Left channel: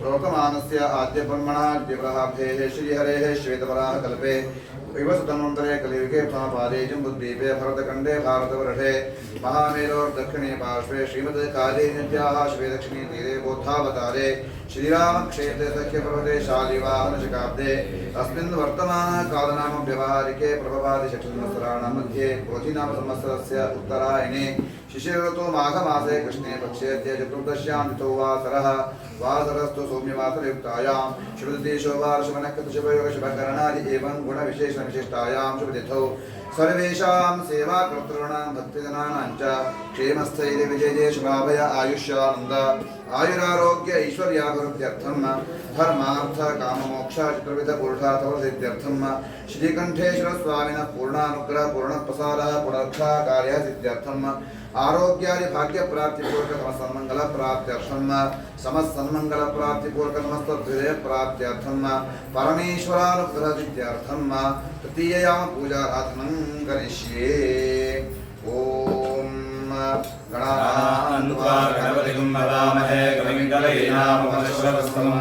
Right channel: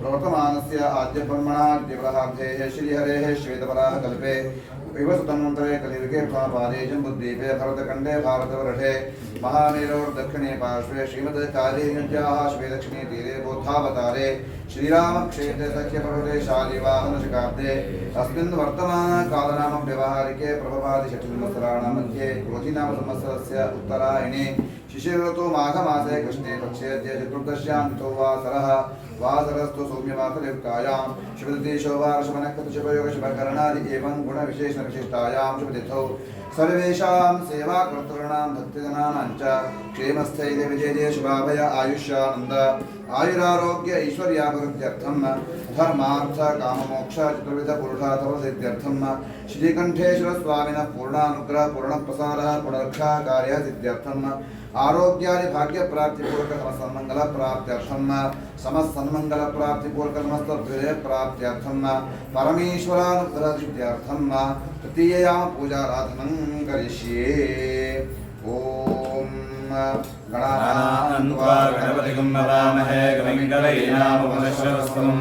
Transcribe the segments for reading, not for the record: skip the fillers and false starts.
प्रवर्तमानस्य आद्य ब्रह्मणः दिव्रहाब्धेः श्रीहरेः श्वेतवराह कल्पे विवसुतन्वन्तरे कलियुगे पादे जम्बुद्वीपे भरतखण्डे भारतवर्षे महामेरोर्दक्षिणे पार्श्वे श्रीमद्कालीनद्याः श्वेदक्षिणे तीरे बोधावतारे श्रीरामक्षेत्रे सख्यपर्वते शालिवाहनशकाब्दे अस्मिन् वर्तमानकालनाम व्यवहारिके प्रभवादिषट्संवत्सराणां मध्ये क्रोधिनाम संवत्सरस्य उत्तरायणे शिशिरऋतु माघमासे कृष्णे पक्षे चतुर्दश्यां तिथौ वासरः वासरस्तु सौम्यवासरयुक्तायां शुभतिथिशोभार्षभनक्षत्रशुभयोगशुभकरणादि एवं गुणविशेषविशिष्टायां शुभतिथौ सर्वेषां सेवाकर्तॄणां भक्तिजनानां च क्षेमस्थैर्य विजये शुभाभय आयुष्यानन्द आयुरारोग्य ऐश्वर्याभिवृद्ध्यर्थं धर्मार्थ काममोक्ष चतुर्विध पुरुषार्थसिद्ध्यर्थं श्रीकण्ठेश्वर स्वामिनः पूर्णानुग्रह पूर्णप्रसादः पुनरक्षा कार्यः सिद्ध्यर्थं आरोग्यादि भाग्य प्राप्ति पूर्वक समस्तमंगल प्राप्त्यर्थम समस्तमंगल प्राप्ति पूर्वक समस्त विजय प्राप्त्यर्थम परमेश्वरानुग्रह सिद्ध्यर्थम तृतीयां पूजा आराधनं करिष्ये। ओम गणानान्त्वागणपतिं भवामहे कविं कवयेनामुपनिषदस्तमं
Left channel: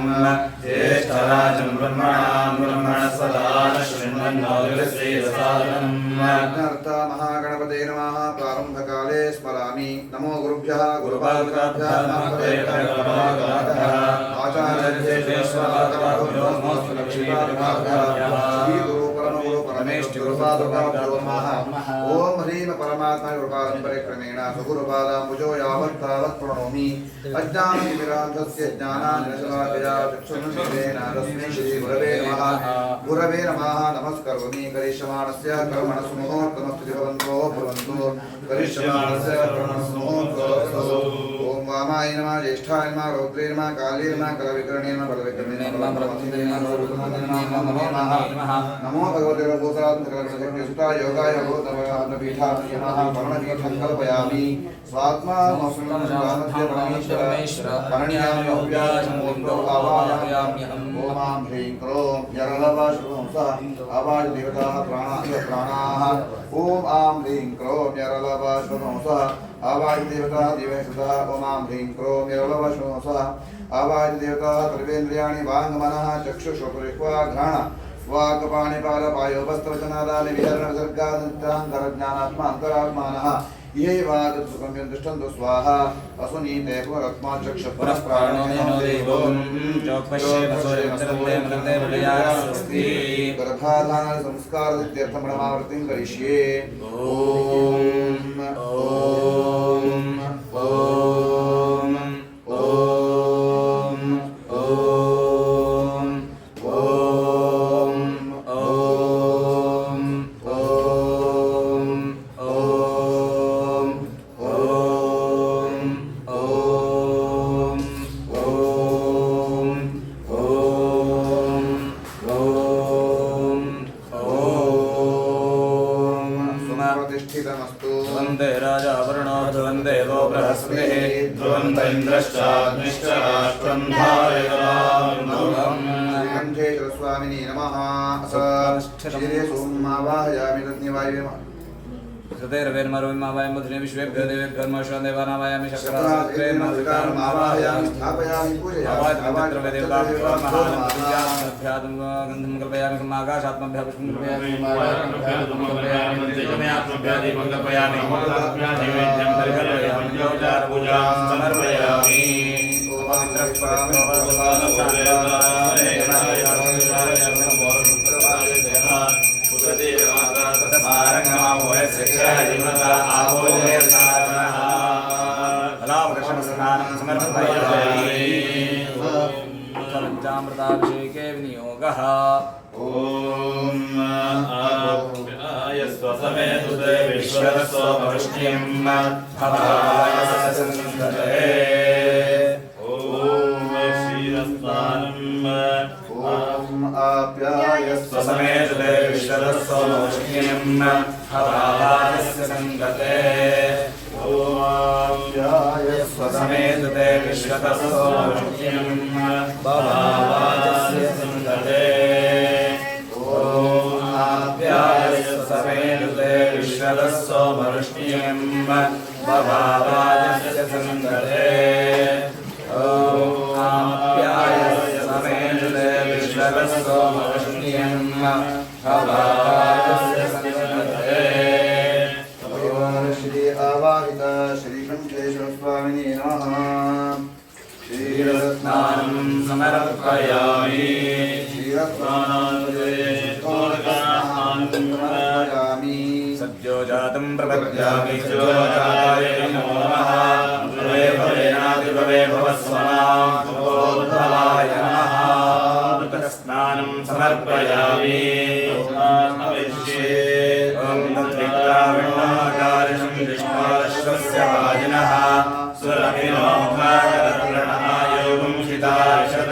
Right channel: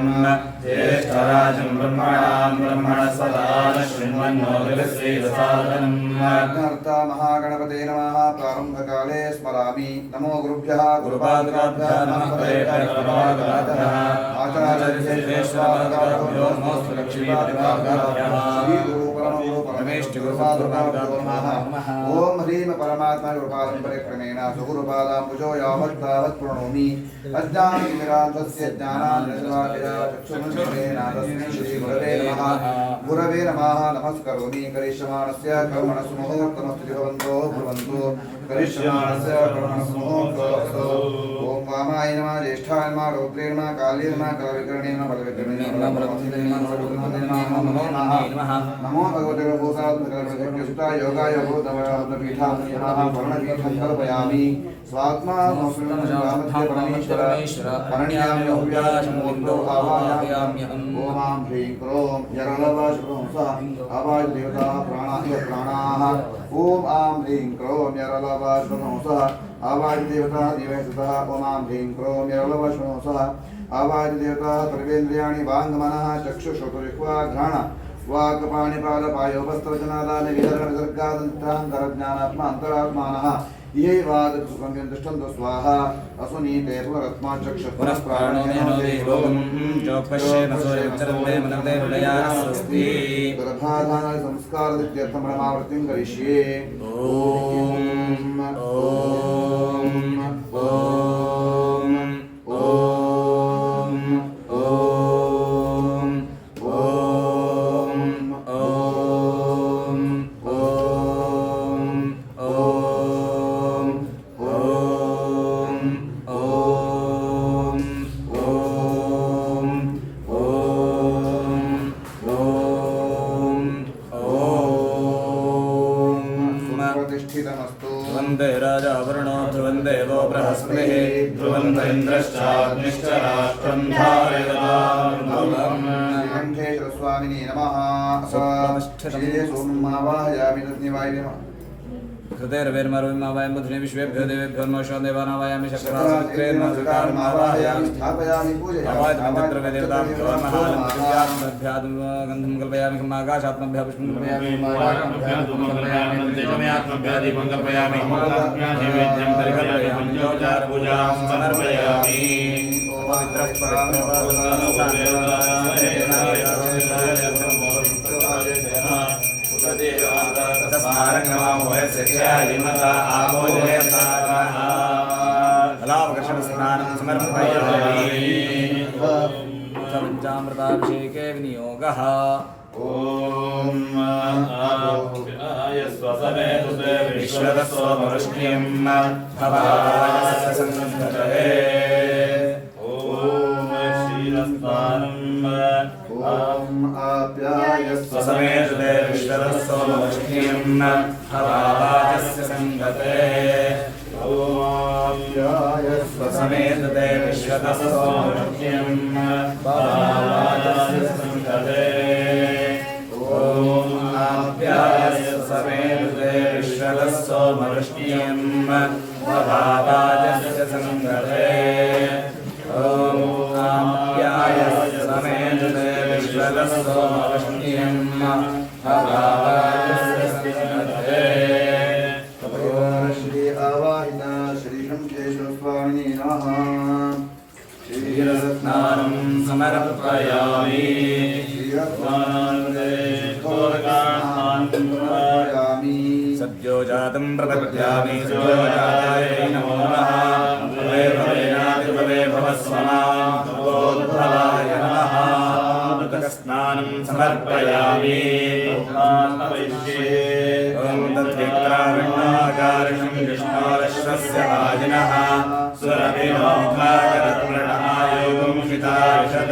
ज्येष्ठराजं ब्रह्मणां ब्रह्मणस्पदा शृण्वन्नोतिश्रीवसादनं नर्ता महागणपते नमः। प्रारंभकाले स्मरामि नमो गुरुभ्यः गुरुपादुकाभ्यः नमः आचार्येश्वराचार्यो नमोस्तु लक्ष्मीपादुकाभ्यः श्रीगुरु परमगुरु परमेष्टि गुरुपादुकाभ्यो नमः। ओम ह्रीं परमात्मा गुरुपादं सुगुरुपादाम्बुजो यावत् तावत् प्रणोमि अज्ञानतिमिरान्धस्य ज्ञानाञ्जनशलाकया चक्षुरुन्मिलितेन तस्मै श्रीगुरवे नमः। गुरवे नमः नमस्करोमि। करिष्यमाणस्य कर्मणः मुहूर्तमस्तु भवन्तो भवन्तु करिष्यमाणस्य कर्मणः मुहूर्तमस्तु। ओम वामाय नमः ज्येष्ठाय नमः रौद्रे नमः काले नमः कलविकर्णे नमः बलविकर्णे नमः बलवतीते नमः नमो नमः। नमो भगवते भूतात्मकलविकर्ण्यसुता योगाय भूतवरपीठाय नमः। वर्णपीठं कल्पयामि स्वात्मा रामस्य परमेश्वर परण्यामि अव्याचमोक्तो आवाहयाम्यहम्। ओम ह्रीं क्रों यरलवशुभंसः आवाज देवताः प्राणाः प्राणाः। ओम आं ह्रीं क्रों यरलवशुभंसः आवाज देवताः देवसुतः। ओम आं ह्रीं क्रों यरलवशुभंसः आवाज देवताः सर्वेन्द्रियाणि वाङ्मनः चक्षुषोपरिह्वा घ्राण वाक्पाणिपादपायोपस्त्रवचनादानि विहरण विसर्गादन्तरान्तरज्ञानात्मा अन्तरात्मानः ये वादसुखं दृष्टन्तु स्वाहा असुनीते पुनरत्माचक्षुः पुनः प्राणेनो देवो स्वस्ति गर्भाधान संस्कार इत्यर्थं प्रणमावृत्तिं करिष्ये स्वामिनी नमः श्री सोमावाहयामि रत्निवायुवे हृदयर्वेन्मरुविमावायं बुद्धिने विश्वेभ्यो देवेभ्यो नमः देवानावायामि शक्रामावाहयामि स्थापयामि गन्धं कल्पयामि आकाशात्मभ्यः पुष्पं पंचामृताभिषेके विनियोगः ओम स्वसमेतुते विश्वदस्वमवृष्टिं भवासनन्दते ओम श्रीरस्तानम् ओम आप्याय स्वसमेतुते विश्वदस्वमवृष्टिं भवासनन्दते ओम आप्याय स्वसमेतुते विश्वदस्वमवृष्टिं भवासनन्दते ओम आप्याय स्वसमेतुते विश्वदस्वमवृष्टिं भवासनन्दते ओम आप्याय स्वसमेतुते विश्वदस्वमवृष्टिं भवासनन्दते श्री आवाहित श्री शंखेश्वर स्वामिनी नमः श्रीरत्नानं समर्पयामि समर्पयामि सद्यो जातं प्रपद्यामि सद्योजाताय नमो नमः भवे भवेनादिभवे भवस्वाहाय नमः अमृतस्नानं समर्पयामि स्नानवैश्ये ॐ तद्वित्रावणमाकारिणं विष्णोरश्वस्य वाजिनः सुरभिनोग्माकरणमायोगं हिताशद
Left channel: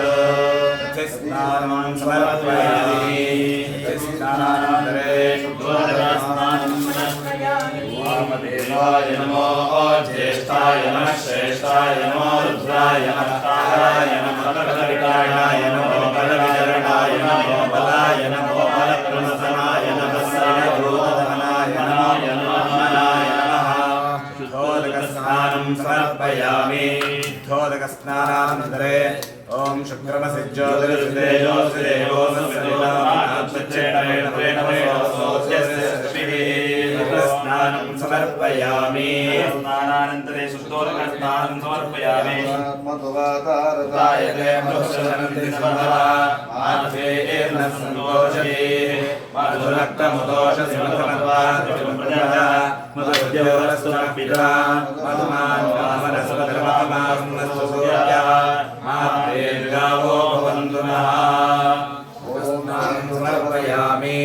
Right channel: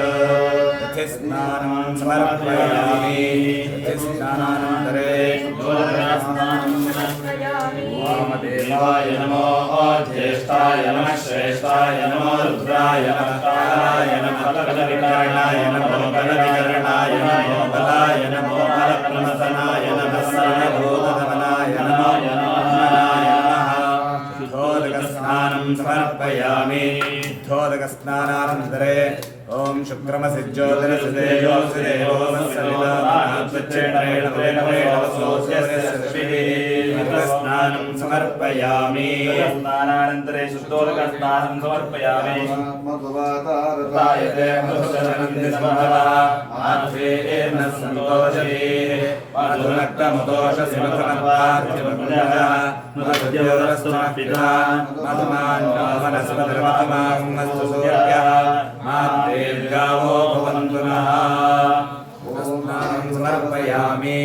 स्नानं समर्पयामि स्नानान्तरे वामदेवाय नमो ज्येष्ठाय नमः श्रेष्ठाय नमो रुद्राय नमः नमो कलकलविताय नमो कलविचरणाय नमो बलाय नमो बलप्रमसनाय नमः सर्वभूतनाय नमः शुद्धोदकस्नानं समर्पयामि धोदकस्नानानन्तरे ओम स्नानं समर्पयामि स्नानानन्तरे शुद्धोदकस्नानं समर्पयामि तायते मधुसनन्दिनमः सन्तोषे मधुरक्तमदोषसि मधुरत्वादिप्रजः मधुर्यवरस्तुनः गावो भवन्तु नः समर्पयामि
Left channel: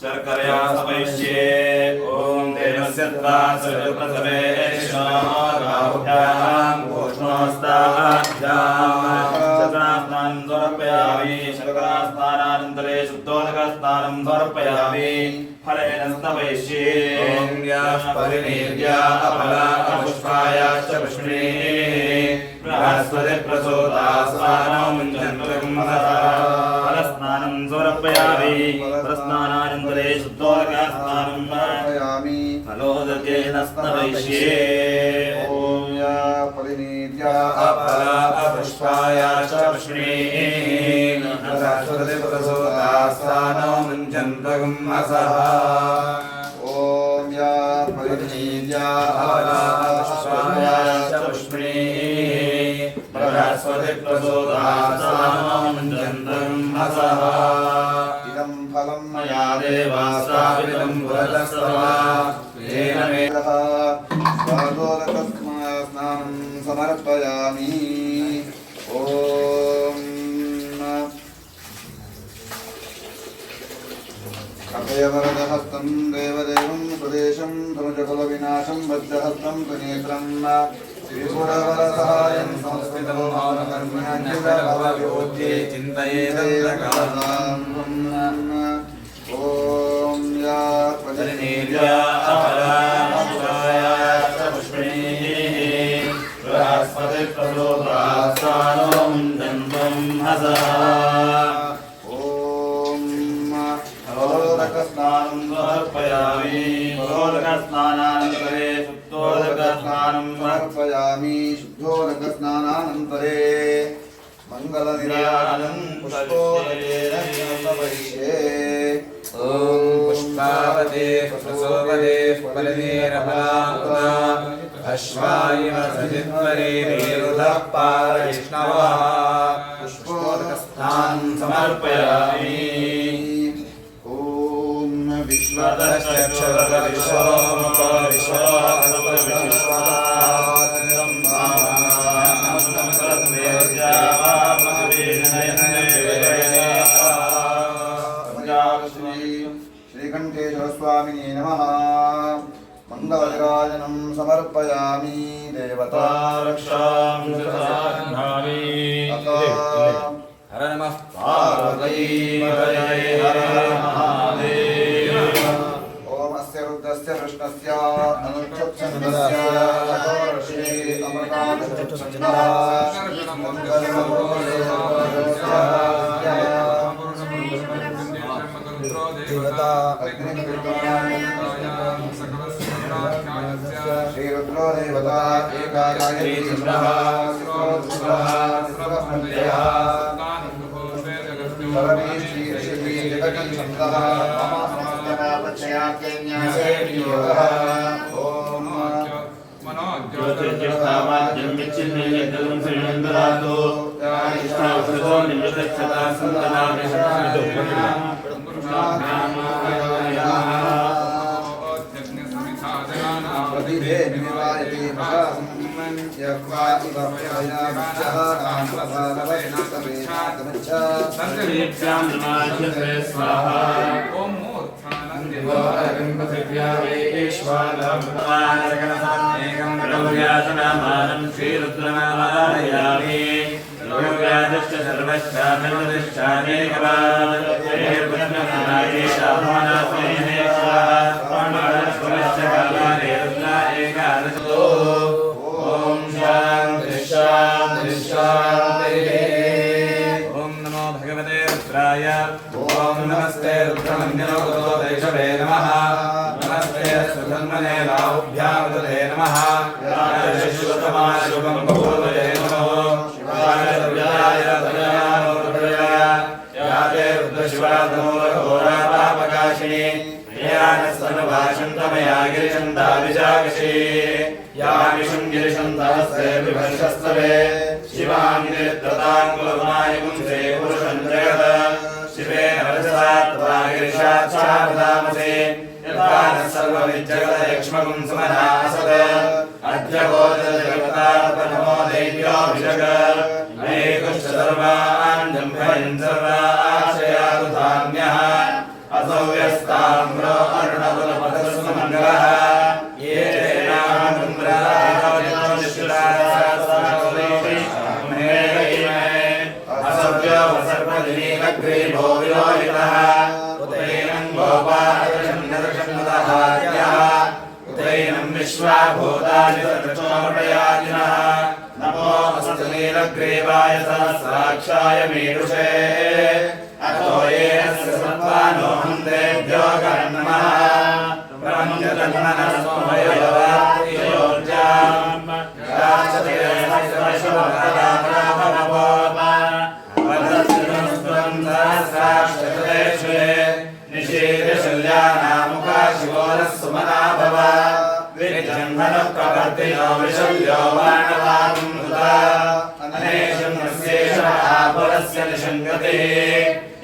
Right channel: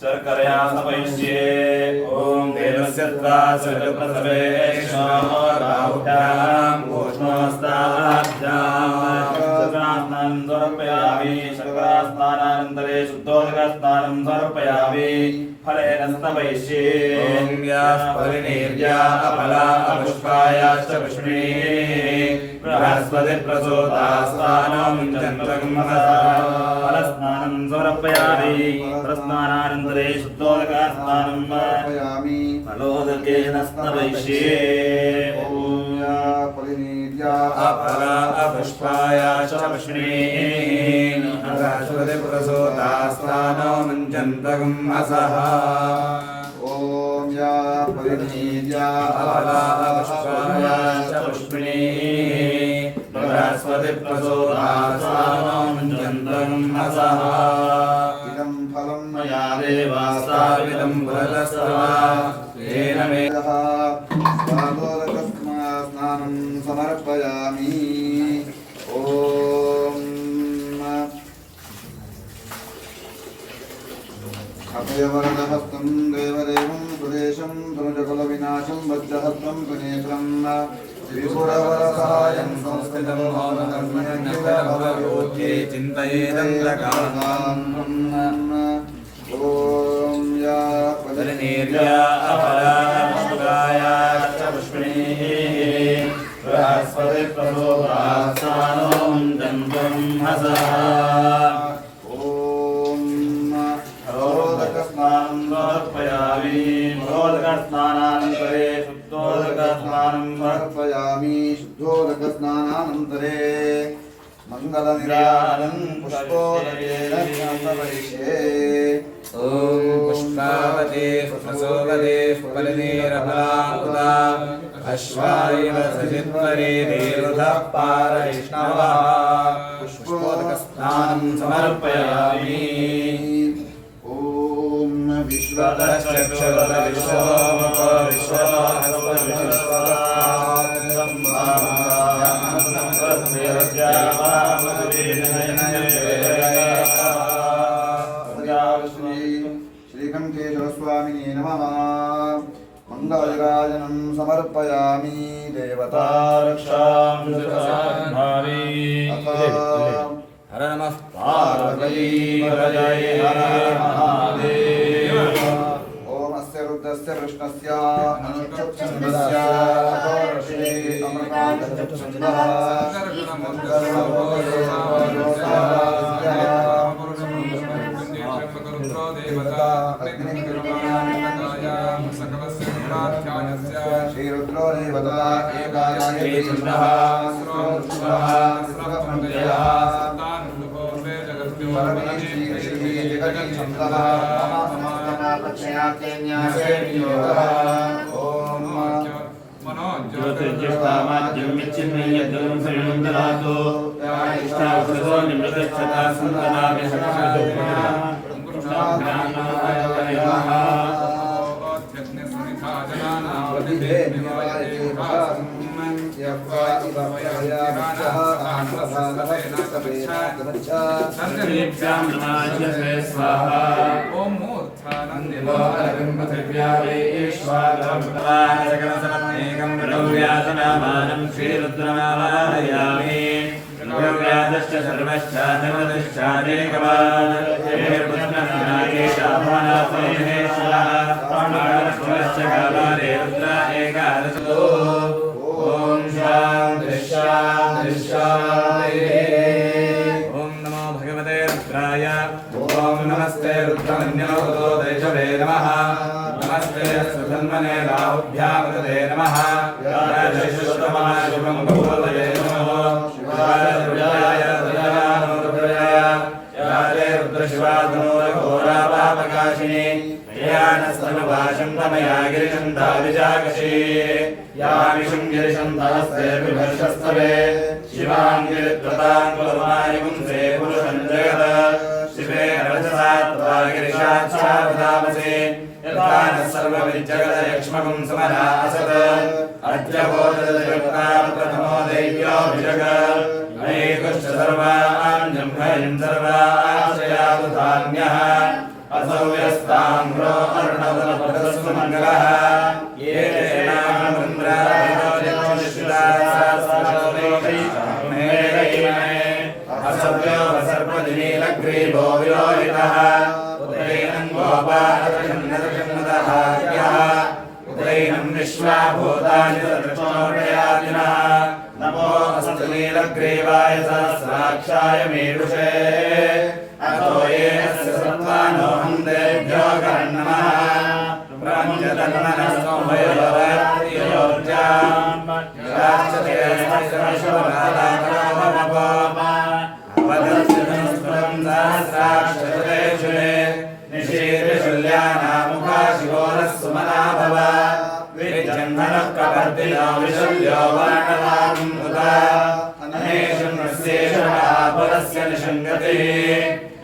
शर्करया समैष्ये ॐ देवस्य त्वा सर्वप्रथमे राहुभ्याम् उष्णोस्ताभ्याम् शर्करास्नानं समर्पयामि शर्करास्नानानन्तरे शुद्धोदकस्नानं समर्पयामि फलेन स्तवैष्ये ॐ याः परिनिर्या अपला अपुष्पायाश्च पुष्पिणीः बृहस्पतिप्रसूतास्तानो मुञ्चन्तमहः फलस्नानं समर्पयामि फलस्नानानन्तरे शुद्धोदकस्नानं समर्पयामि फलोदकेन स्नवैष्ये ॐ या परिनिर्या अपला अपुष्पायाश्च पुष्पिणीः बृहस्पतिप्रसूतास्तानो मुञ्चन्तमहः चन्द्रगुम्मसः ॐ या परिणीया पुष्पिणी बृहस्पति प्रसोदासामोऽनन्तगुम्मसः इदं फलं मया देवास्ताविदं पुरतस्तव तेन मे स्वादोदकस्नानं समर्पयामि ॐ अभयवरदहस्तं देवदेवं प्रदेशं धनुजकुलविनाशं वज्रहस्तं त्रिनेत्रं त्रिपुरवरसहायं संस्कृतं भवनकर्म्याञ्जलभवयोध्ये चिन्तयेदन्तकालां ॐ या निर्या अपराशुराया च पुष्पिणीः बृहस्पति प्रसोदासानोऽनन्तं हसः स्नानं समर्पयामि महोदकस्नानानन्तरे शुद्धोदकस्नानं समर्पयामि शुद्धोदकस्नानानन्तरे मङ्गलनिरानं पुष्पोदकेन समर्पयिष्ये ॐ पुष्पावते प्रसोपदे फलनेरफलामुदा अश्वायव सजित्वरे देवदः पारविष्णवः पुष्पोदकस्नानं समर्पयामि श्रीकण्ठेश्वर स्वामिने नमः मङ्गलविराजनं समर्पयामि देवता रक्षां हर नमः पार्वती हरये हर महादेव ॐ अस्य रुद्रस्य कृष्णस्य अनुच्छन्दस्य षोडशे अमृताच्छन्दः श्रीरुद्रो देवता एकागायत्री चन्द्रः शिरोद्भवः शिरस्मृत्यः परमेश्वरी श्री जगति छन्दः मम समस्तपापक्षयाख्यन्यासे वियोगः ज्योतिर्ज्योतामाद्यं यच्चिन्नयद्गलं श्रीमन्दरातो इष्टावसरो निमृतच्छता प्रतिभे निवारिते महासं यक्वा इव प्रभयामित्यः नामप्रभानवस्तवेनागमच्छ सर्वेभ्यां नमाज्यते स्वाहा ॐ मूर्धानन्दिवोऽरविं पृथिव्या वैश्वानरब्रह्माणगणसमेकं ब्रह्मव्यासनामानं श्रीरुद्रनारायणामि योगव्याधश्च सर्वश्चानेकवादे ॐ शान्ति शान्ति शान्तिः ॐ नमो भगवते रुद्राय ॐ नमस्ते रुद्रमन्यनोतो दैषवे नमः नमस्ते सुधन्वने लाभ्यां तते नमः राजश्रुतमाशुभं भगवते नमः शिवाय रुद्राय रुद्राय याते रुद्रशिवाधनोरघोरापापकाशिनी यानस्तनुभाषं तमया गिरिशं दाविजाकशी या विशुङ्गिरिशन्तहस्ते विभर्षस्तवे शिवाङ्गिरित्रताङ्कुलमायिपुंसे पुरुषं जगत् शिवे रजसा तदा गिरिशाच्छावदामसे यथा नः सर्वविज्जगदयक्ष्मकं समना असत् अद्यबोधजगत्तात्मनमो दैव्याभिजगत् मयेतुश्च सर्वान् जम्भयं सर्वाश्रयातु धान्यः असौ व्यस्ताम्रो अर्णवलपदस्व मङ्गलः ये असभ्यो वसर्पदिनीलग्रीवो विलोहितः उदैनं गोपालचन्द्रचन्द्रहार्यः उदैनं विश्वाभूतानि सर्वचोदयादिनः नमो अस्तु नीलग्रीवाय सहस्राक्षाय मीडुषे अतो ये अस्य सर्वानो हन्तेभ्यो कर्णमः ब्रह्मजतन्ननसोमयोर्जाम् राक्षते सहस्रशवकदाभराभरवो वदस्यतनुस्वं सहस्राक्षतेषु निशीर सिंहनः कपर्दिनो वृषभ्यो वानरान्मुदा अनेशन्यस्येषमापरस्य निषङ्गतिः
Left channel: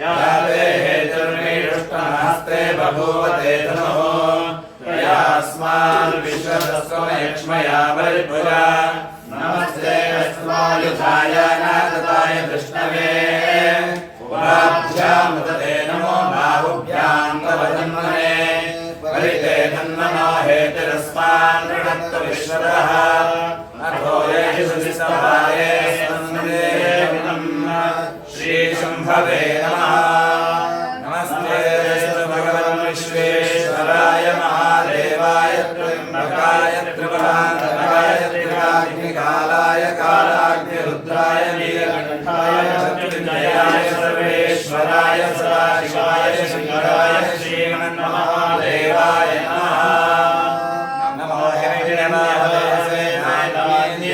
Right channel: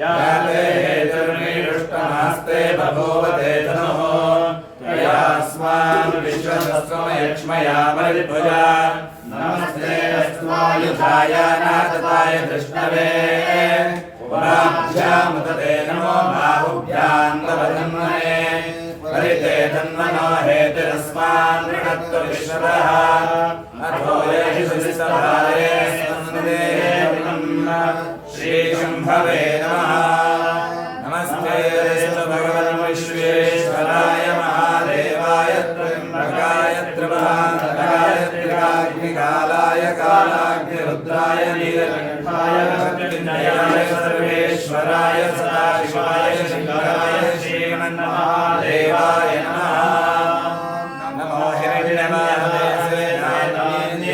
याते हेतुर्निरुष्टमास्ते बभूवते तमो यास्मान् विश्वतस्त्वमयक्ष्मया परिपुरा नमस्ते अस्मायुधाय नागताय कृष्णवे उपाभ्यामुदते नमो बाहुभ्यां तवतन्मने परिते तन्मनो हेतुरस्मान् विषत्तु विश्वतः अथो यशिषुस्तवारे सन्निधेविनं श्रीशम्भवे नमः नमस्ते भगवन् विश्वेश्वराय महादेवाय त्र्यम्बकाय त्रिपुरान्तकाय त्रिकाग्निकालाय कालाग्निरुद्राय नीलकण्ठाय मृत्युञ्जयाय सर्वेश्वराय सदाशिवाय शङ्कराय श्रीमन्महादेवाय नमः नमो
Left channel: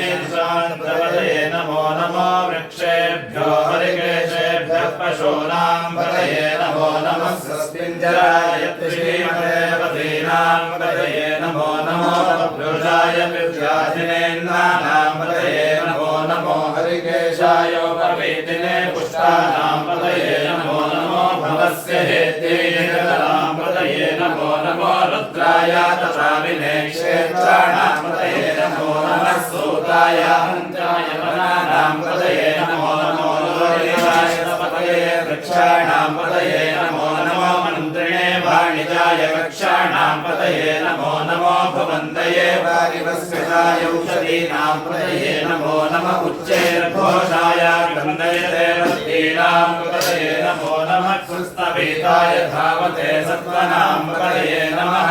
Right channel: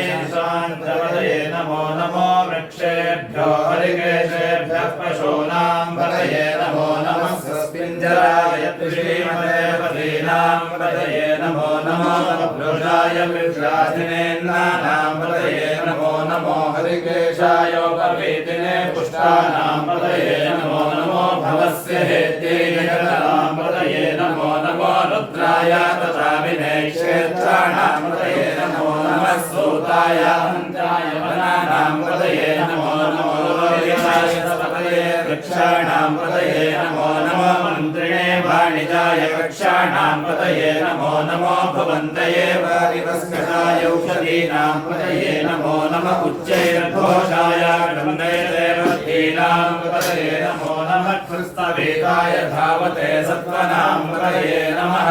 हिरण्यवासवेनायनान्येषान्प्रपदये नमो नमो वृक्षेभ्यो हरिकेशेभ्यः पशूनां पतये नमो नमः स्वस्मिञ्जराय श्रीमदेवतीनां पतये नमो नमो पुरुषाय विद्याधिनेन्द्राणां पतये नमो नमो हरिकेशाय पर्वेतिने पुष्टानां पतये नमो नमो भवस्य हेत्येकरां पतये नमो नमो रुद्राय तथा विनेक्षेत्राणां पतये नमो नमः सूताय हन्ताय वनानां पतये नमो नमो लोहिताय पतये वृक्षाणां पतये नमो नमो मन्त्रिणे वाणिजाय वृक्षाणां पतये नमो नमो भवन्तये वारिवस्कराय औषधीनां पतये नमो नमः उच्चैर्घोषाय गन्धैर्देवतीनां पतये नमो नमः कृष्णवेदाय धावते सत्त्वनां पतये नमः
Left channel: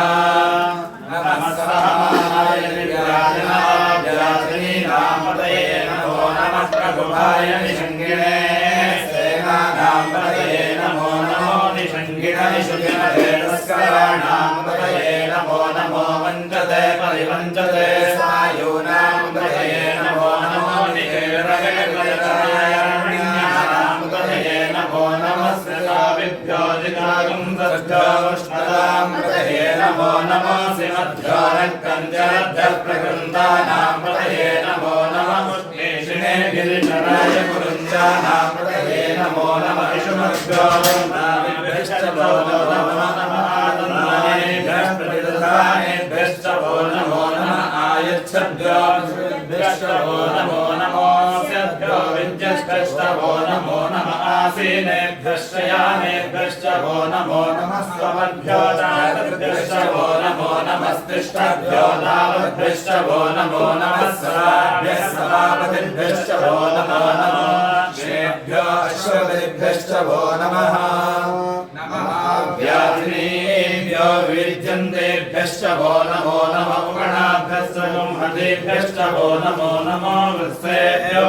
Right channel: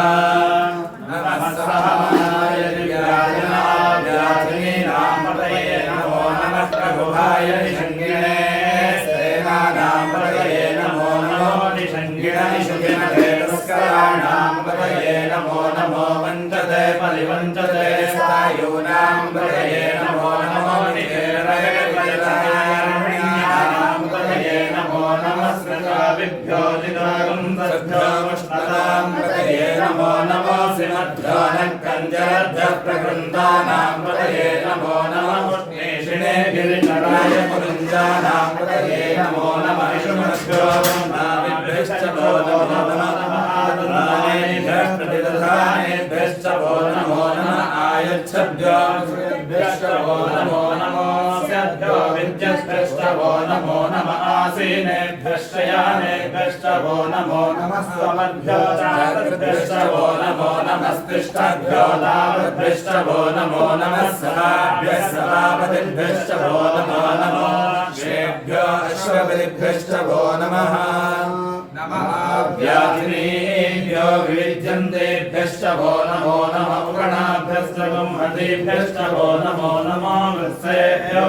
नमः सहमानाय निव्याजनाव्याजनीनां पतये नमो नमः प्रभुभाय निषङ्गिणे सेनानां पतये नमो नमो निषङ्गिणनिषुभिमते तस्कराणां पतये नमो नमो वञ्चते परिवञ्चते सायूनां पतये नमो नमो निकेतगजपरिचरायर्ण्यानां पतये नमो नमः स्कृताभिभ्यो जितागुंसभ्यो वष्णतां पतये नमो नमो श्रीमद्भ्यो नक्कञ्जलभ्यः प्रकृन्तानां पतये नमो नमः पुष्णेशिने गिरिशराय कुरुञ्जानां पतये नमो नमः इषुमभ्यो नाभिभ्यश्च वो नमो नमः आतन्नानेभ्यः प्रतिदधानेभ्यश्च वो नमो नमः आयच्छभ्यो विद्भ्यश्च वो नमो नमोऽस्यभ्यो विद्यश्च वो नमो नमः आसीनेभ्यश्च यानेभ्यश्च वो नमो नमः स्वमभ्यो दातभ्यश्च वो नमो नमस्तिष्ठभ्यो दावभ्यश्च वो नमो नमः सवाभ्यः सवापतिभ्यश्च वो नमो नमः श्रेभ्यो अश्वपतिभ्यश्च वो नमः व्याधिनीभ्यो विद्यन्तेभ्यश्च वो नमो नमः उपगणाभ्यश्च ब्रह्मदेभ्यश्च वो नमो नमो वत्सेभ्यो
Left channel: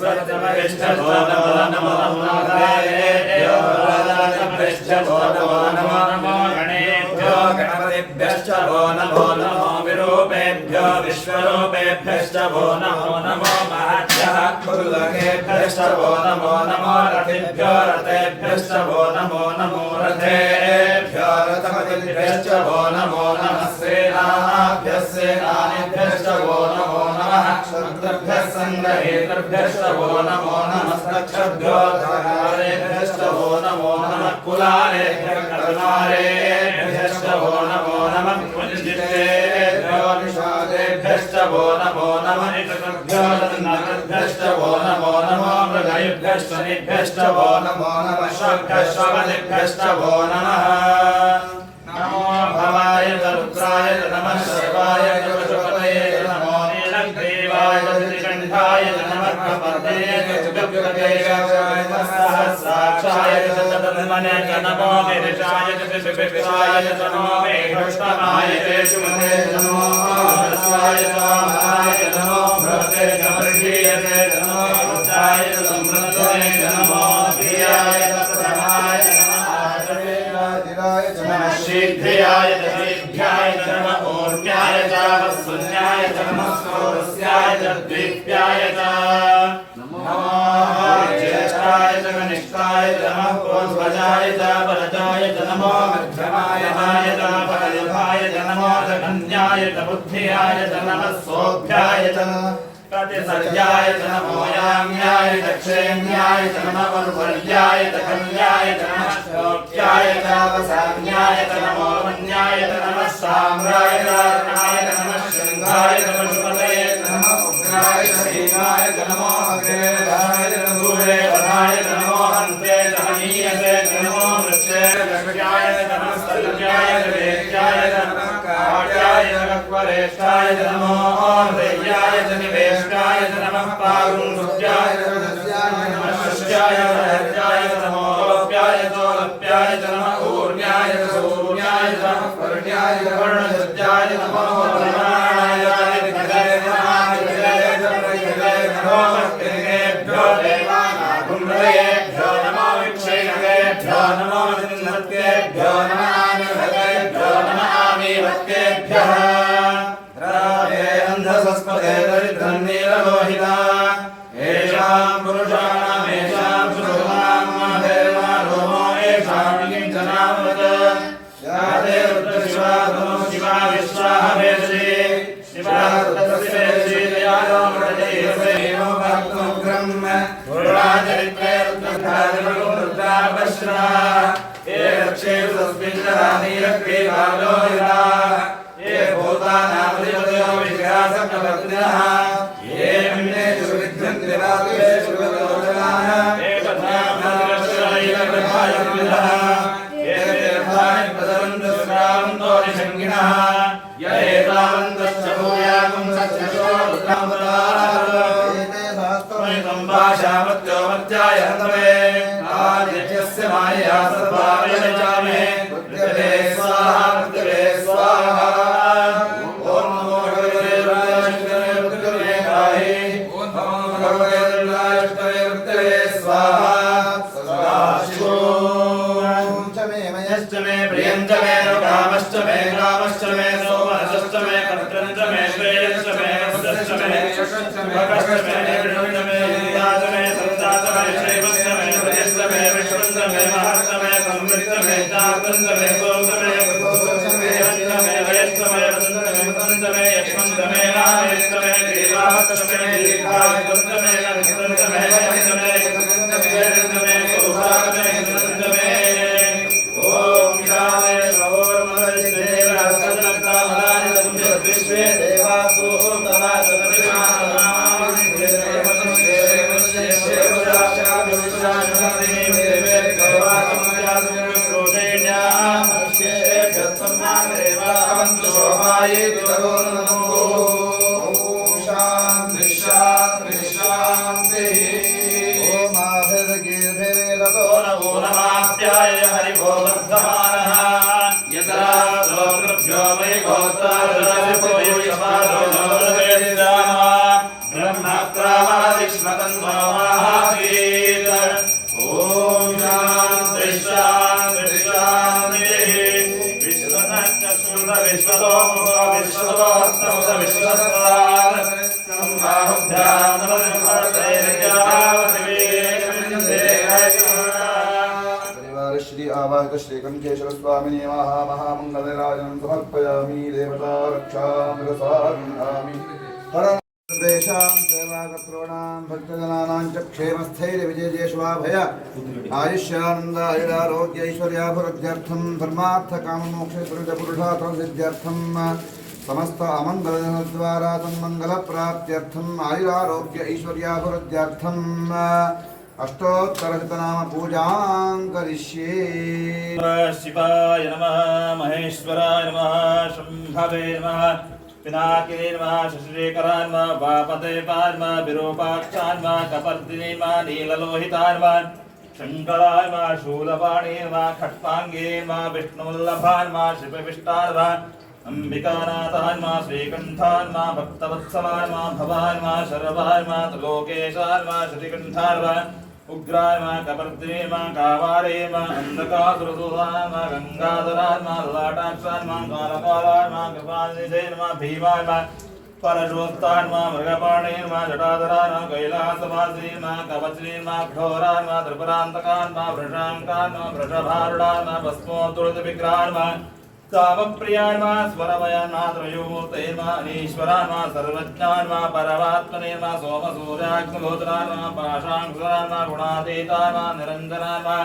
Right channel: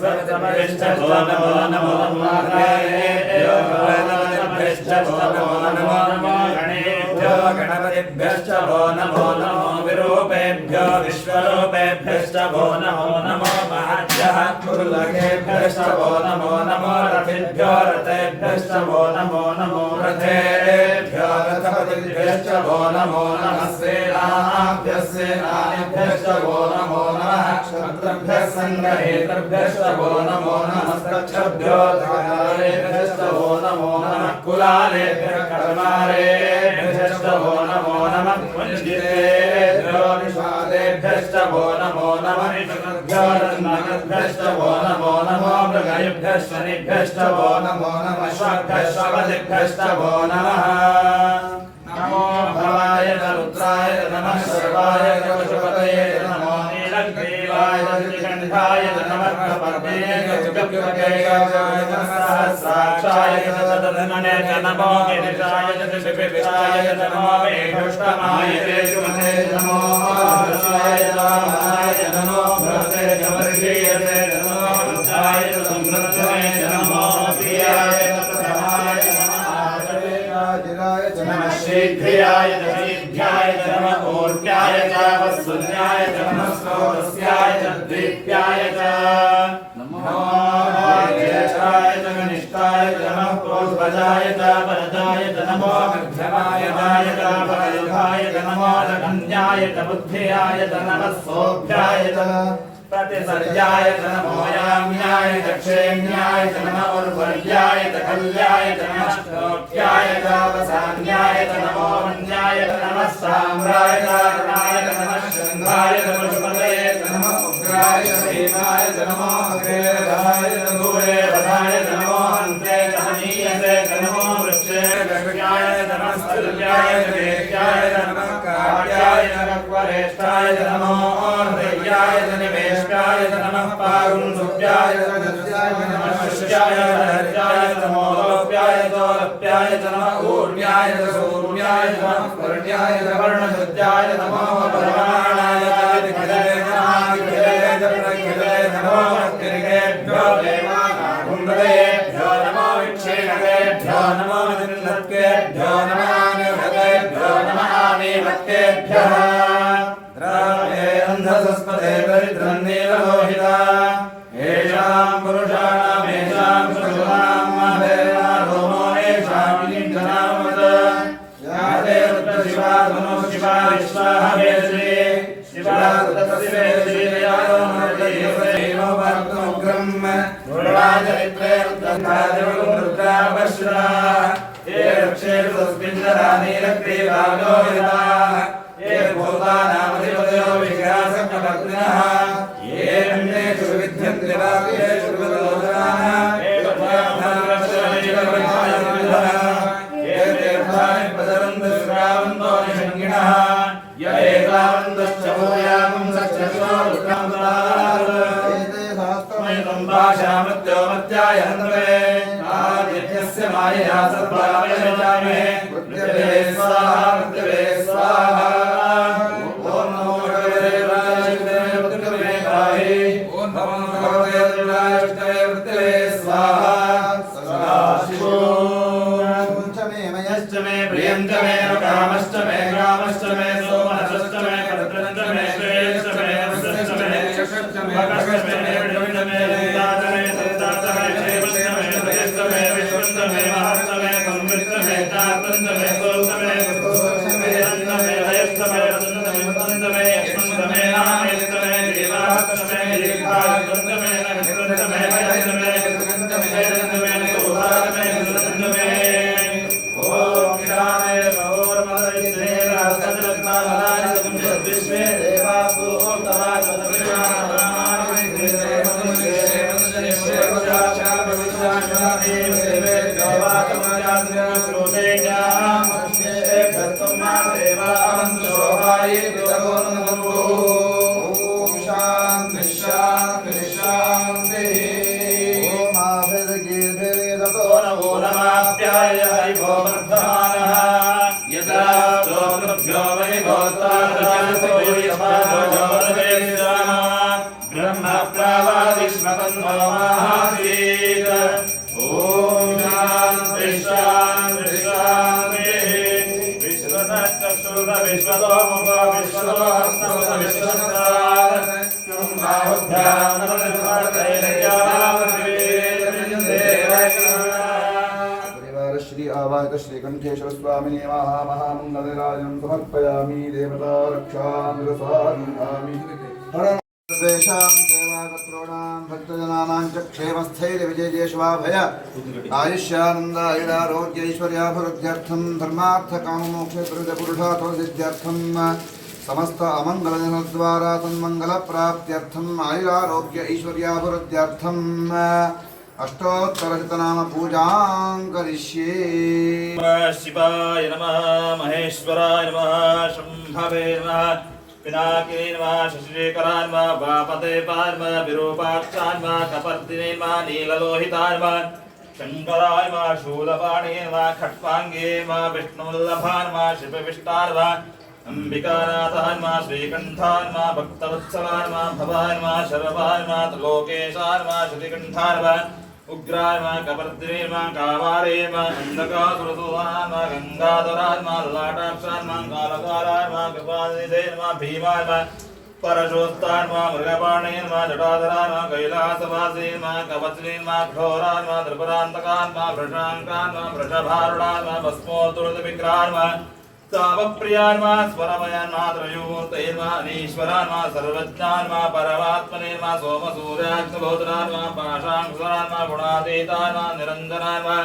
स्वच्छमरिश्च वो नमो नमो नमोदायेभ्यो भगवताभ्यश्च वो नमो नमो गणेभ्यो गणपतिभ्यश्च वो नमो नमो विरूपेभ्यो विश्वरूपेभ्यश्च वो नमो नमो महाभ्यः कुरुलकेभ्यश्च वो नमो नमो रथेभ्यो रथेभ्यश्च वो नमो नमो रथेभ्यो रथपतिभ्यश्च वो नमो नमः सेनाभ्यः सेनानिभ्यश्च वो नमो नमः क्षत्रभ्यः सङ्ग्रहेतृभ्यश्च वो नमो नमः कक्षभ्यो धरारेभ्यश्च वो नमो नमः कुलालेभ्यः करुणारेभ्यश्च वो नमो नमः कुञ्जितेभ्यो निषादेभ्यश्च वो नमो नमः निषभ्यो दन्नभ्यश्च वो नमो नमो मृगयुभ्यश्च निभ्यश्च वो नमो नमः श्वभ्यश्च वो नमः नमो भवाय रुद्राय नमः सर्वाय पशुपतये नमो नीलग्रीवाय त्रिकण्ठाय नमः कपर्दिने सहस्राक्षाय तन्मने नमो गिरिशाय विपिशाय नमो मेघष्टमाय केशुमते नमो रसाय रामाय नमो भ्रते नमर्षीयते नमो रुद्राय समृद्धये नमो प्रियाय तत्प्रभाय नमः शीघ्रियाय शीघ्राय नमः ऊर्ध्याय च वस्सुन्याय च नमः स्रोतस्याय च द्वीप्याय च नमो ज्येष्ठाय च कनिष्ठाय च नमः पूर्वजाय च परजाय च नमो मध्यमाय च परयुगाय च नमो धन्याय च बुद्ध्याय च नमः सोऽभ्याय च प्रतिसर्याय च नमो याम्याय च क्षेम्याय च नमः उर्वर्याय च कल्याय च नमः श्लोक्याय च वसाम्याय च नमो वन्याय च नमः साम्राय च रणाय च नमः शृङ्गाय च पुष्पते च नमः उग्राय च भीमाय च नमो अग्रेवाय च दूरे वधाय च नमो हन्ते च हनीयसे च नमो वृक्षे गङ्गाय च नमः सल्याय च वेद्याय च नमः काट्याय च रक्वरेष्ठाय च नमो हृदयाय च निवेष्टाय च नमः पारुन्सुत्याय च नमः शिष्याय च हर्याय च नमो लोप्याय च लप्याय च नमः ऊर्व्याय च सूर्याय च नमः वर्ण्याय च वर्णसुत्याय च नमो ब्रह्मणाय च नमो भक्तिभ्यो देवाकुण्डलेभ्यो नमो विक्षेणकेभ्यो नमो निन्नत्केभ्यो नमः आनिर्हतेभ्यो नमः आनीवत्तेभ्यः द्रावे अन्धसस्पते दरिद्रं नीललोहिता येषां पुरुषाणामेषां श्रूणां माधेर्मा रोमो येषां किञ्चनामवत् या ते रुद्रशिवा धनुः शिवा विश्वाः वेश्री शिवा तस्य वेश्रीयायो मृतैर्वेणो भक्तोग्रम् गुरुराजरित्रे रुद्रकारिरुद्रापश्रा ये रक्षेषु तस्मिन्नः नीलग्रीवालोहिता ये भूतानामधिपतयो विश्वासप्रभक्तिनः ये विघ्नेषु विघ्नन्ति वाक्येषु विघ्नोदराः ये पद्मामनश्रमैकप्रभायुर्विधः ये तीर्थानि प्रसरन्तु श्रावन्तो निषङ्गिणः य एतावन्तश्च भूयागुं सत्यशो रुद्रामदामयितं भाषामृत्यो मत्याय हन्वरे राजयस्य मायया सर्वावयजामे मृत्यवे स्वाहा मृत्यवे स्वाहा ॐ नमो भगवते रुद्राय मृत्यवे पाहि ॐ नमो भगवते रुद्राय मृत्यवे स्वाहा स्वाहा मयश्च मे प्रियञ्च मे कामश्च मे ग्रामश्च मे सोमनसश्च मे भद्रञ्च मे श्रेयश्च मे यशश्च मे यशश्च मे भगश्च मे निर्विण्ण मे नित्याच मे सन्ताच मे क्षेमश्च मे भयश्च मे विश्वश्च मे महश्च मे समृद्धश्च मे चार्तञ्च मे सोमश्च मे भगोश्च मे अन्न मे भयश्च मे वन्दन मे वन्दन मे यश्वन्त मे नामेश्च मे देवाश्च मे दीर्घायुश्च मे नक्षत्रश्च मे भयश्च मे जगञ्च मे जयञ्च मे सौभाग्य मे सुनञ्च मे विश्वे देवासु नमाप्याय हरिभो वर्धमानः यदा श्लोकभ्यो वै गोत्रादराजपयोयपादोजोरवेदिराम ब्रह्मप्रावादिष्मतन्नो महावीर ॐ शान्ति शान्ति शान्तिः विश्वतश्रुत विश्वतोमुख विश्वतो हस्तमुत विश्वस्तात् सम्बाहुभ्यां श्री आवाहित श्री कंठेश्वर स्वामिने महामंगलराजं समर्पयामि देवता रक्षां रसामि हरं सर्वेषां सेवाकर्तॄणां भक्तजनानां च क्षेमस्थैर्यविजयेष्वाभय आयुष्यानन्दायुरारोग्य ऐश्वर्याभिवृद्ध्यर्थं धर्मार्थकाममोक्षपुरुषार्थसिद्ध्यर्थं समस्त अमङ्गलजनद्वारा तन्मङ्गलप्राप्त्यर्थम् आयुरारोग्य ऐश्वर्याभिवृद्ध्यर्थं अष्टोत्तरशतनाम पूजां करिष्ये। शिवाय नमः महेश्वराय नमः शम्भवे नमः पिनाकिने नमः शशिशेखराय नमः वामदेवाय नमः विरूपाक्षाय नमः कपर्दिने नमः नीललोहिताय नमः शङ्कराय नमः शूलपाणे नमः खट्वाङ्गे नमः विष्णुवल्लभाय नमः शिवविष्टाय नमः अंबिकानाथाय नमः श्रीकण्ठाय नमः भक्तवत्सलाय नमः भवाय नमः शर्वाय नमः त्रिलोकेशाय नमः श्रीकण्ठाय नमः उग्राय नमः कपर्दिने नमः कावारे नमः अन्धकासुरसूदाय नमः गङ्गाधराय नमः ललाटाक्षाय नमः कालकालाय नमः कृपानिधे नमः भीमाय नमः परशोत्ताय नमः मृगपाणे नमः जटाधराय नमः कैलासवासिने नमः कवचिने नमः घोराय नमः त्रिपुरान्तकाय नमः वृषाङ्काय नमः वृषभारूढाय नमः भस्मोत्तुलितविग्रहाय नमः तावप्रियान्मा स्वरमयान्मा त्रयोमूर्तैर्मा अनीश्वरान्मा सर्वज्ञान्मा परमात्मनेर्मा सोमसूर्याग्निहोत्रान्मा पाशाङ्कुरान्मा गुणातीतान्मा निरञ्जनान्मा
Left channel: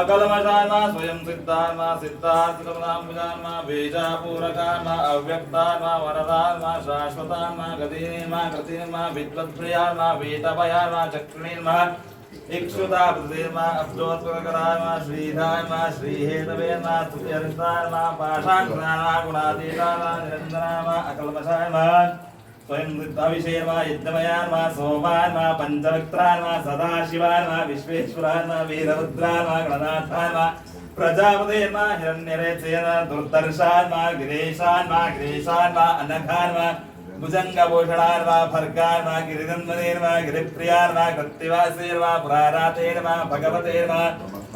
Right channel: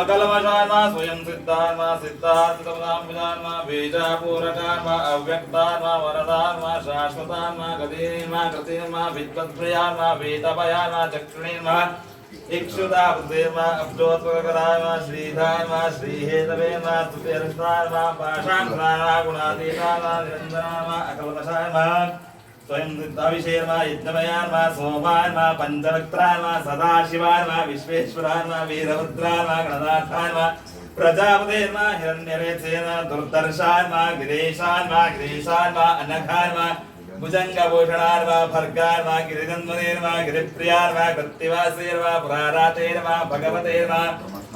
अकलमशान्मा स्वयं सिद्धान्मा सिद्धार्थितपदाम्बुजान्मा बीजापूरकान्मा अव्यक्तान्मा वरदान्मा शाश्वतान्मा गतिर्मा गतिर्मा विद्वत्प्रियान्मा वेदभयान्मा चक्षुणीर्मा इक्षुता पुत्रेर्मा अब्जोत्पकरान्मा श्रीधान्मा श्रीहेतवेर्मा स्तुत्यर्षान्मा पाशाङ्कुरान्मा गुणातीतान्मा निरञ्जनान्मा अकलमशान्मा स्वयं सिद्धाभिषेर्मा यज्ञमयान्मा सोमान्मा पञ्चवक्त्रान्मा सदाशिवान्मा विश्वेश्वरान्मा वीरभद्रान्मा गणनाथान्मा प्रजापतेर्मा हिरण्यरेत्सेर्मा दुर्दर्शान्मा गिरीशान्मा अनघान्मा भुजङ्गभूषणान्मा भर्गान्मा गिरिनन्दनेर्मा गिरिप्रियान्मा कृत्तिवासेर्मा पुरारातेर्मा भगवतेर्मा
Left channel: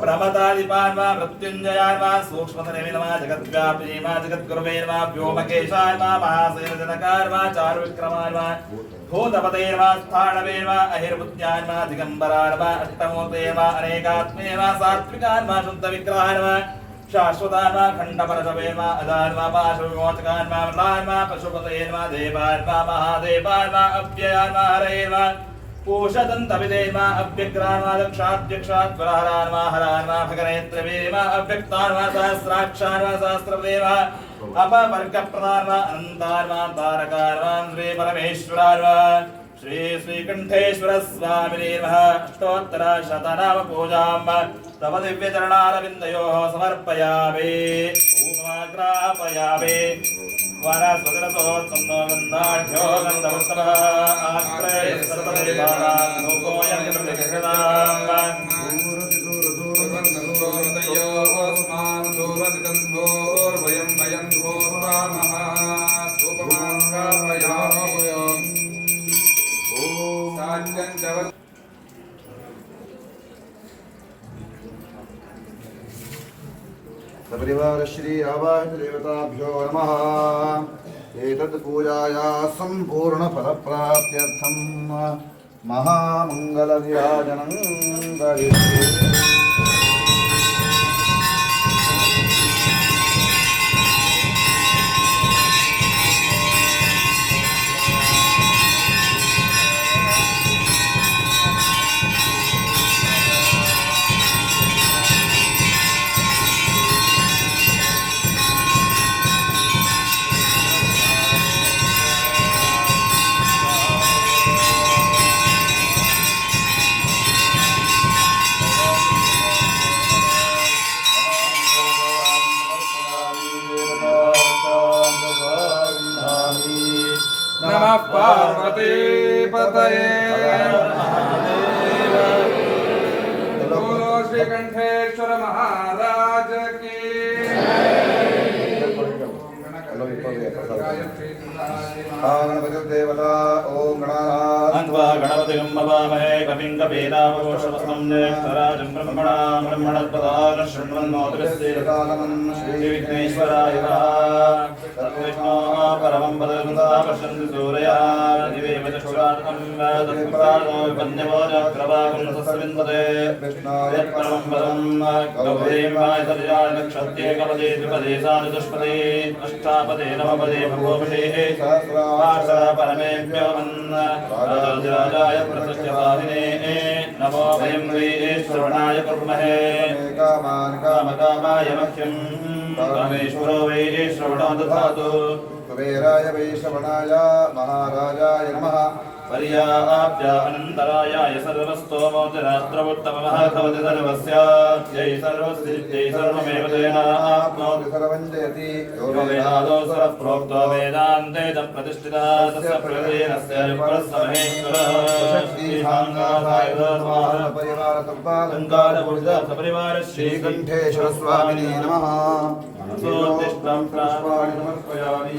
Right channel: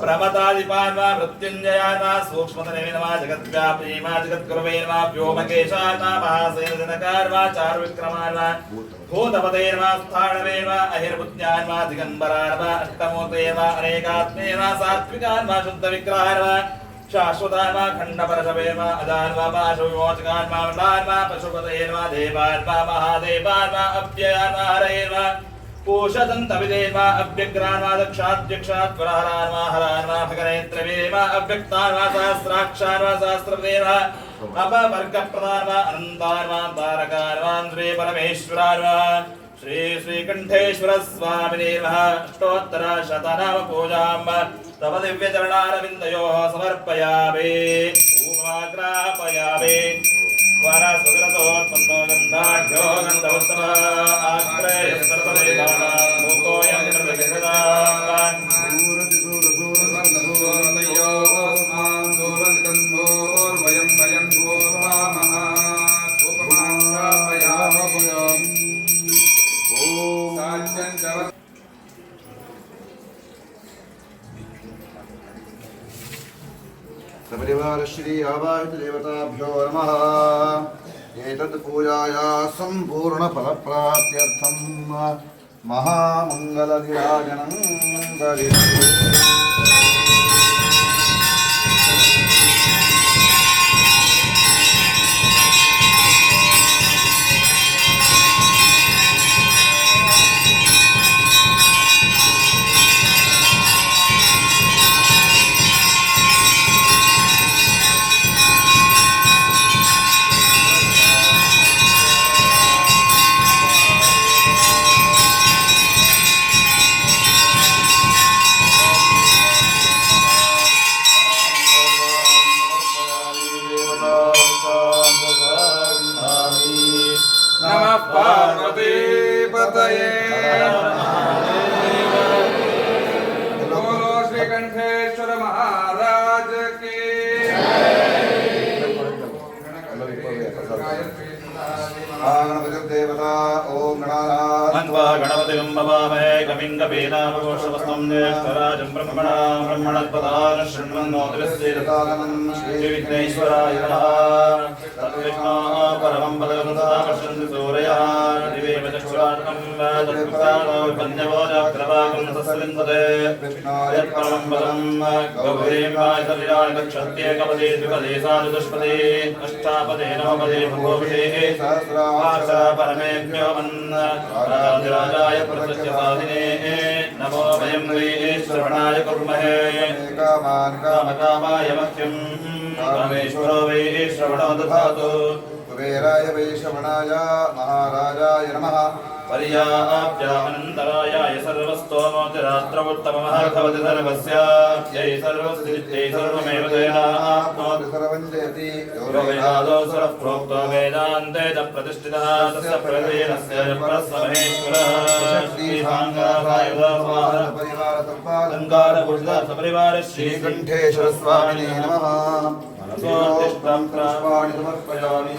प्रमतादिपान्मा मृत्युञ्जयान्मा सूक्ष्मतनविनमा जगद्व्यापीमा जगद्गुरुवेर्मा व्योमकेशान्मा महासेनजनकार्मा चारुविक्रमान्मा भूतपतेर्मा स्थाणवेर्मा अहिर्बुद्ध्यान्मा दिगम्बरान्मा अष्टमूर्तेर्मा अनेकात्मेर्मा सात्विकान्मा शुद्धविग्रहान्मा शाश्वतान्मा खण्डपरशवेर्मा अजान्मा पाशविमोचकान्मा मृतान्मा पशुपतेर्मा देवान्मा महादेवान्मा अव्ययान्मा हरेर्मा कोशदन्तविदेर्मा अव्यग्रान्मा दक्षाध्यक्षात् पुरहरान्मा हरान्मा भगनेत्रवेर्मा अव्यक्तान्मा सहस्राक्षान्मा सहस्रदेर्मा अपवर्गप्रदान्मा अनन्तान्मा तारकान्मा श्री परमेश्वरान्मा श्री श्रीकण्ठेश्वर स्वामिनेर्मः अष्टोत्तरशतनाम पूजाम् तव दिव्यचरणारविन्दयोः समर्पयामि ऊमाग्रापयामि वरसुदरसोत्पन्नो गन्धाढ्यो गन्धोत्तमः आग्रयः सर्वदेवानां लोकोऽयं प्रतिष्ठिताम् सपरिवार श्री आवाहित देवताभ्यो नमः। एतत् पूजाया संपूर्ण फलप्राप्त्यर्थं महामंगलनिराजनं करिष्ये। नमः पार्वती पतये बोलो श्री कंठेश्वर महाराज की गणपतिर्देवता ओम अन्वा गणपतिं भवामहे कविं कवीनामघोषवस्तं ज्येष्ठराजं ब्रह्मणस्पदान शृण्वन्नोतिरस्येदकालमं श्रीविघ्नेश्वराय नमः। तद्विष्णो परमं पदं पश्यन्ति सूरयः दिवेव चक्षुरात्मं तत्पुत्रादो विपन्यवोजक्रवाकं तस्विन्दते यत्परमं पदं गौरीमायतरियाय दक्षत्येकपदे द्विपदे साधुदुष्पदे अष्टापदे नवपदे भगवते सहस्रावासा परमेभ्यो राजाय प्रसज्यपादिने नमो वयं श्रवणाय कुर्महे कामकामाय मह्यं कामेश्वरो वै श्रवणो दधातु कुबेराय वैश्रवणाय महाराजाय नमः। पर्याप्य अनन्तरायाय सर्वस्तोमोतिरात्रवोत्तमः भवति सर्वस्यायै सर्वसिद्ध्यै सर्वमेव तेनाप्नोति सर्वं जयति यो वेदादौ सर्वः प्रोक्तो वेदान्ते च प्रतिष्ठितः तस्य प्रयोजनस्य परमहेश्वरः सपरिवार श्रीकण्ठेश्वर स्वामिने नमः। पुष्पाणि समर्पयामि।